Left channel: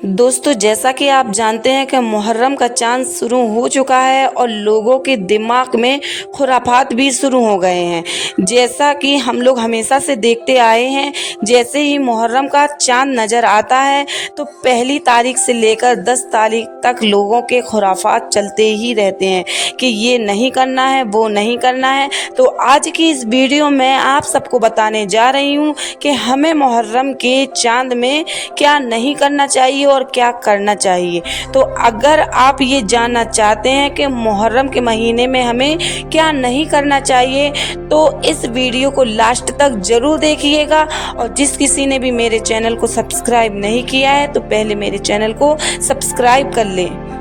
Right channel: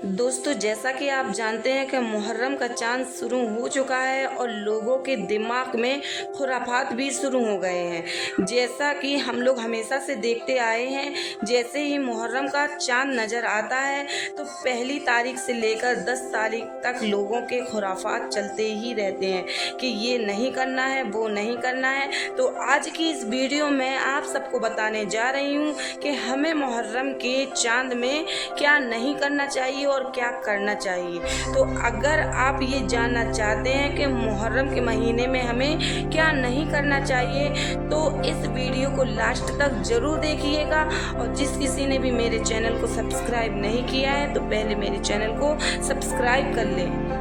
दोस्तों, जैसा कि आप जानते हैं कि मुहर्रम का चांद शुरू हो चुका है और लोगों के दिमाग में खुराफात भी शुरू हो गए हैं। जैसा कि हम लोग हमेशा से देखते आए हैं, जैसे ही मुहर्रम का चांद नज़र आता है तो पहली तारीख से लेकर 10 तारीख तक लोगों के खुराफात चलते ही रहते हैं कि ये नहीं करना है, वो नहीं करना है। तो आज की इस वीडियो में आप सबको बताने जा रही हूँ कि हमें मुहर्रम के चांद में क्या नहीं करना चाहिए और क्या करना चाहिए। तो अगर आप ये जानना चाहते हैं कि मुहर्रम के महीने में हमें क्या नहीं करना चाहिए तो इस वीडियो को लास्ट तक ज़रूर देखिएगा। और जिस किसी ने भी मेरे चैनल को सब्सक्राइब नहीं किया है तो पहले मेरे चैनल को सब्सक्राइब कर लें।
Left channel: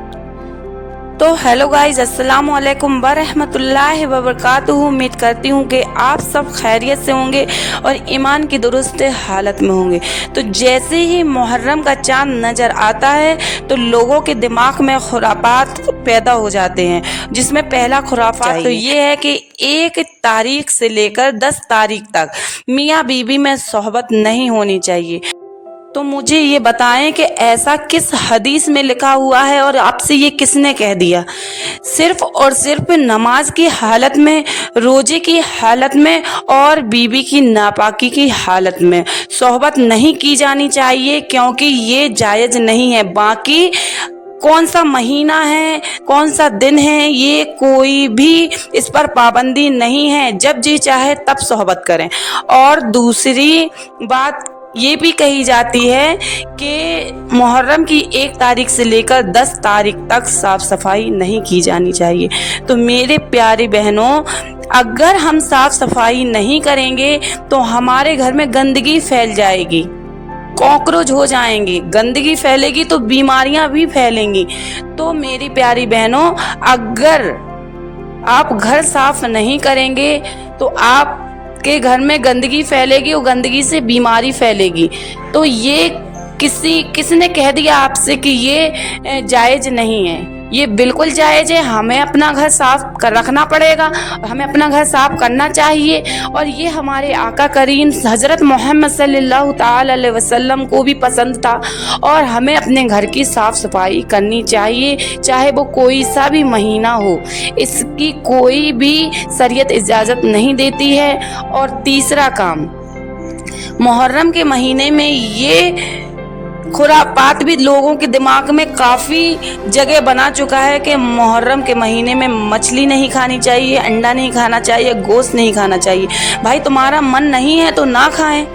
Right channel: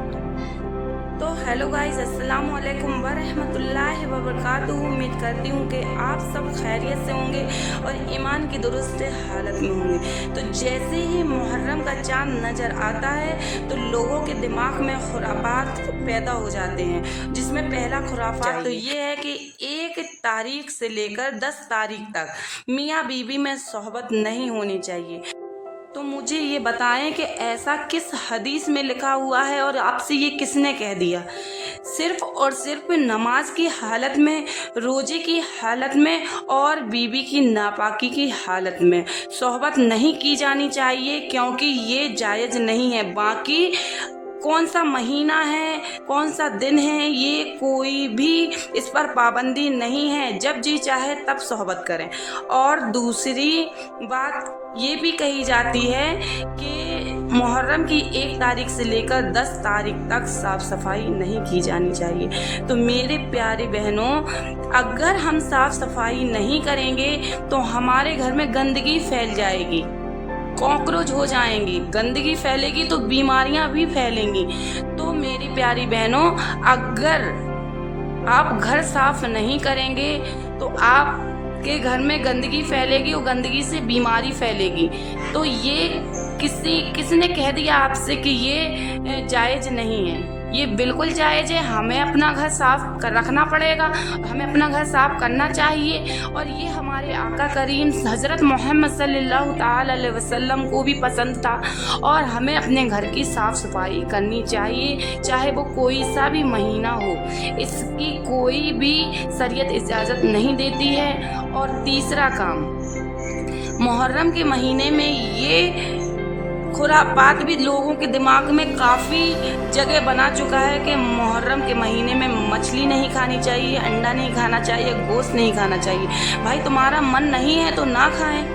तो हेलो गाइस, अस्सलाम वालेकुम वरहमतुल्लाहि वबरकातुहू। उम्मीद करती हूँ कि आप सब खैरियत से होंगे और ईमान की दुरुस्त हालत में होंगे। तो जैसे ही मुहर्रम का चांद नज़र आता है तो लोगों के दिमाग में खुरापात पैदा हो जाते हैं, जिसमें पहला खुराफात तो ये है कि 1 तारीख से लेकर 10 तारीख तक मियाँ बीवी में सोहबत नहीं होनी चाहिए। तो मुझे ये बताएं कि ऐसा किस हदीस में लिखा हुआ है और आपसे ये किसने कह दिया। सिर्फ और सिर्फ नमाज की हालत में, रोजे की हालत में और बीवी की नापाकी की हालत में सोहबत नहीं की जानी चाहिए, क्योंकि ये जायज़ नहीं है। बाकी कौन सा महीना है, कौन सा दिन है, ये कोई भी इस पर पाबंदी नहीं है। जब जी चाहे तब सोहबत करें। और दूसरी बात ये भी कही जाती है कि मुहर्रम की 1 तारीख से लेकर 10 तारीख तक साफ़ सफाई नहीं की जानी चाहिए। तो मेरे प्यारे बहनों, अगर हम साफ़ सफाई नहीं करेंगे तो हमारे घर में गंदगी फैल जाएगी, कॉकरोच हो जाएंगे, गंदगी फैलेगी तो बीमारियां भी फैलेंगी। तो मेरी प्यारी बहनों, अगर आप घर साफ नहीं करेंगे तो आप के घर में गंदगी फैलेगी और गंदगी से बीमारी फैलेगी। तो ये किसने कह दिया आपसे कि ये जायज़ नहीं है? ये बिल्कुल जायज़ है। हमें अपना घर साफ रखना पड़ेगा और हमें अपना घर साफ करना चाहिए। और ये हमारे आका करीम हज़रत मोहम्मद सल्लल्लाहु ताला अलैहि वसल्लम को भी पसंद था और हमें अपने घर की साफ़ सफाई करनी चाहिए, चाहे वो कोई सा भी महीना हो। इसकी कोई भी शरीयत इजाज़त नहीं देती है। और तीसरा काम, मुहर्रम के महीने में ये खुरापात भी लोगों के दिमाग में काफ़ी जगह बना चुका है कि मुहर्रम के महीने में मछली नहीं खानी चाहिए, अंडा नहीं खाना चाहिए, गोश्त नहीं खाना चाहिए। भाई, तुम्हारा मन नहीं है तो ना खाएं।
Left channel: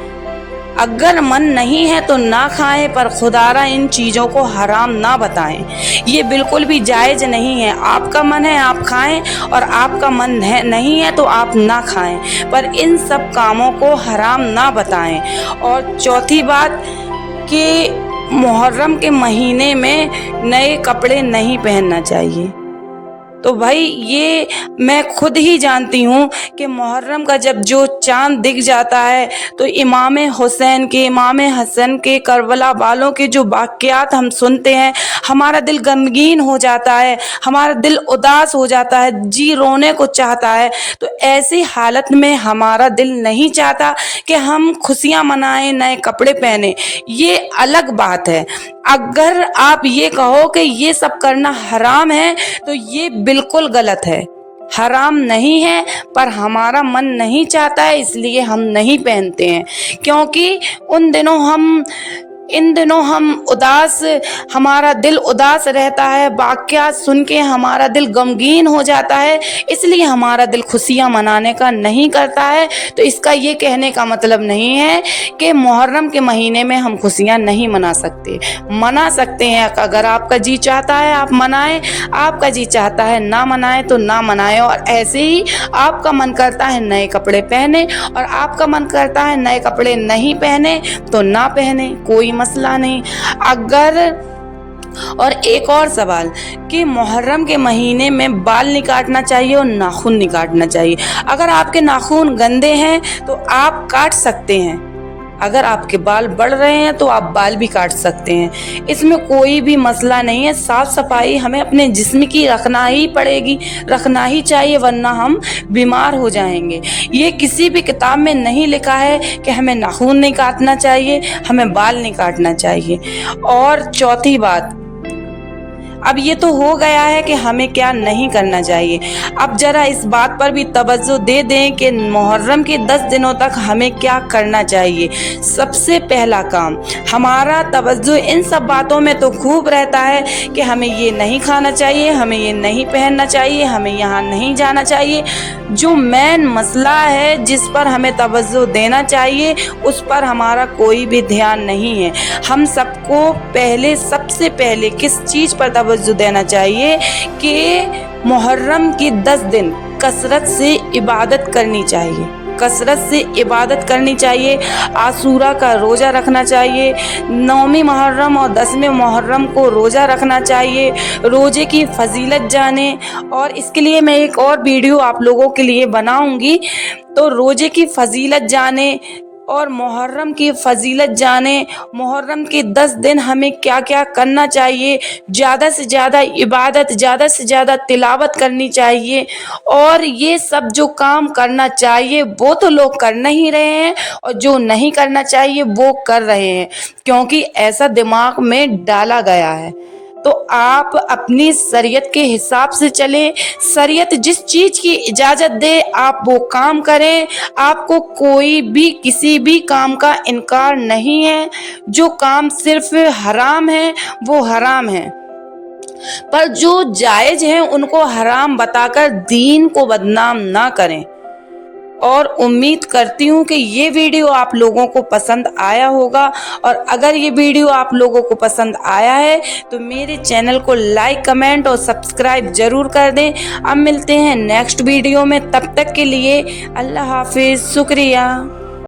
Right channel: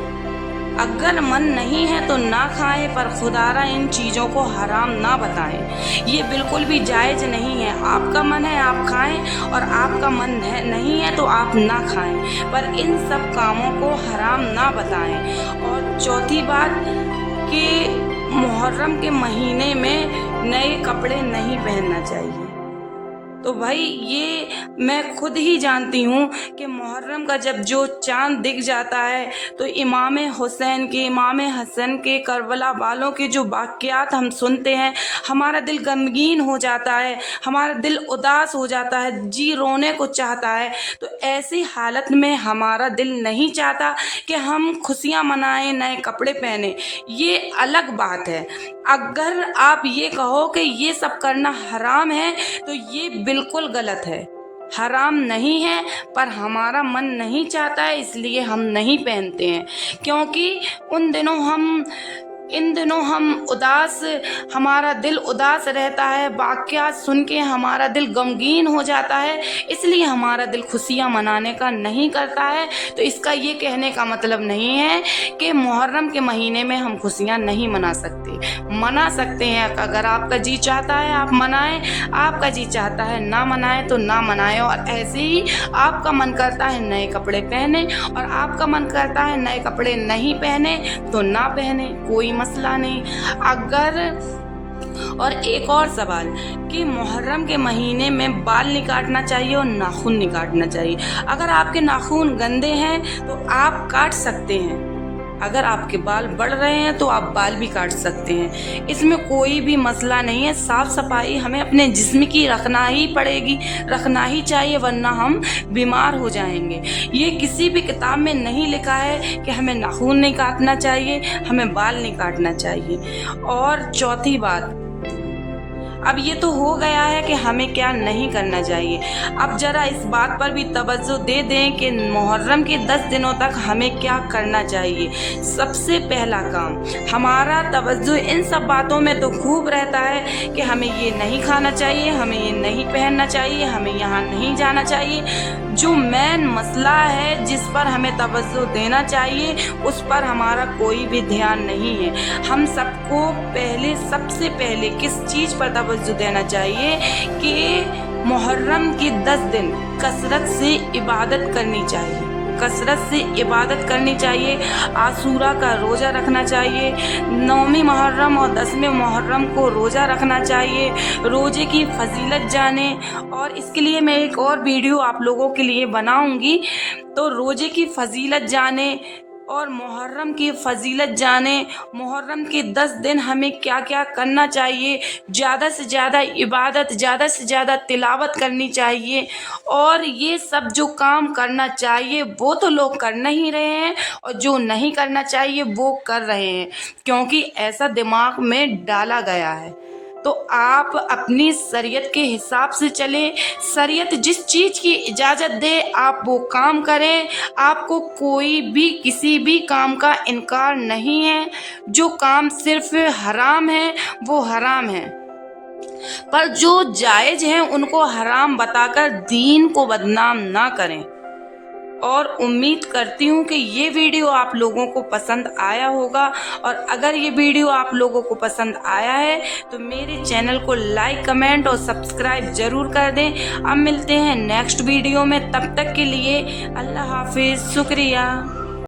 अगर मन नहीं है तो ना खाएं, पर खुदारा इन चीज़ों को हराम ना बताएं। ये बिल्कुल भी जायज़ नहीं है। आपका मन है आप खाएं और आपका मन है नहीं है तो आप ना खाएं, पर इन सब कामों को हराम ना बताएं। और चौथी बात कि मुहर्रम के महीने में नए कपड़े नहीं पहनना चाहिए। तो भाई, ये मैं खुद ही जानती हूँ कि मुहर्रम का जब जो चांद दिख जाता है तो इमाम हुसैन के, इमाम हसन के, करबला वालों के जो वाक़यात हम सुनते हैं, हमारा दिल गमगीन हो जाता है, हमारा दिल उदास हो जाता है, जी रोने को चाहता है। तो ऐसी हालत में हमारा दिल नहीं चाहता कि हम खुशियाँ मनाएं, नए कपड़े पहने। ये अलग बात है। अगर आप ये कहो कि ये सब करना हराम है तो ये बिल्कुल गलत है। हराम नहीं है, पर हमारा मन नहीं चाहता है इसलिए हम नहीं पहनते हैं। क्योंकि इन दिनों हम उदास, हमारा दिल उदास रहता है, वाक़यात सुन के हमारा दिल गमगीन हो जाता है, इसलिए हमारा दिल खुशियाँ मनाने का नहीं करता है। तो इसका ये कहने का मतलब नहीं है कि मुहर्रम के महीने में हम खुशियाँ नहीं मना सकते। मना सकते हैं। अगर आपका जी चाहता है आप मनाएं, आपका जी चाहता है ना मनाएं तो ना मनाएं। और ऐसे ही आपका मन करता है नए कपड़े पहने और आपका मन करता है नए कपड़े नहीं पहने तो ना पहने, कोई मसला नहीं। और एक और सवाल कि मुहर्रम के महीने में बाल नहीं काटना चाहिए और नाखून नहीं काटना चाहिए। अगर आपके नाखून गंदे हैं तो आप काट सकते हैं। अगर आपके बाल बढ़ रहे हैं तो आप बाल भी काट सकते हैं, इसमें कोई भी मसला नहीं है। साफ सफाई हमें अपने जिस्म की रखना ही पड़ेगी, रखना ही चाहिए, वरना हम बीमार हो जाएंगे। ये किसी भी किताब में नहीं लिखा है कि हमें नाखून नहीं काटना चाहिए, हमें बाल नहीं काटना चाहिए। और चौथी बात, अब ये तो हो गया है कि हमें क्या नहीं करना चाहिए। अब जरा इस बात पर भी तवज्जो दे दें कि मुहर्रम के 10 दिनों तक हमें क्या करना चाहिए। सबसे पहला काम, हमारा तवज्जो इन सब बातों में तो खूब रहता है कि हमें ये नहीं खाना चाहिए, हमें ये नहीं पहनना चाहिए, हमें यहाँ नहीं जाना चाहिए। जो मेन मसला है जिस पर हमें तवज्जो देना चाहिए उस पर हमारा कोई भी ध्यान नहीं है। हम सबको पहले, सबसे पहले किस चीज़ पर तवज्जो देना चाहिए कि मुहर्रम के 10 दिन कसरत से इबादत करनी चाहिए, कसरत से इबादत करनी चाहिए। आशूरा का रोज़ा रखना चाहिए, 9वीं मुहर्रम और 10वें मुहर्रम को रोज़ा रखना चाहिए, रोज़े की फजीलत जाने। और इसके लिए मैं एक और वीडियो आप लोगों के लिए बनाऊंगी, तो रोज़े की फजीलत जाने और मुहर्रम की फजीलत जाने। मुहर्रम के 10 दिन हमें क्या क्या करना चाहिए, ज़्यादा से ज़्यादा इबादत, ज़्यादा से ज़्यादा तिलावत करनी चाहिए। और ये सब जो काम करना चाहिए वो तो लोग कर नहीं रहे हैं, और जो नहीं करना चाहिए वो कर रहे हैं, क्योंकि ऐसा दिमाग में डाला गया है। तो आप अपनी शरीयत के हिसाब से चलें, शरीयत जिस चीज़ की इजाज़त दे आप वो काम करें। आपको कोई भी किसी भी काम का इनकार नहीं है। जो काम सिर्फ हराम है वो हराम है, पर जो जायज़ हैं उनको हराम बताकर दीन को बदनाम ना करें। और उम्मीद करती हूँ कि ये वीडियो आप लोगों को पसंद आया होगा, और अगर ये वीडियो आप लोगों को पसंद आया है तो मेरे चैनल को लाइक, कमेंट और सब्सक्राइब ज़रूर कर दें। अब मिलते हैं नेक्स्ट वीडियो में, तब तक के लिए अल्लाह हाफिज़, शुक्रिया।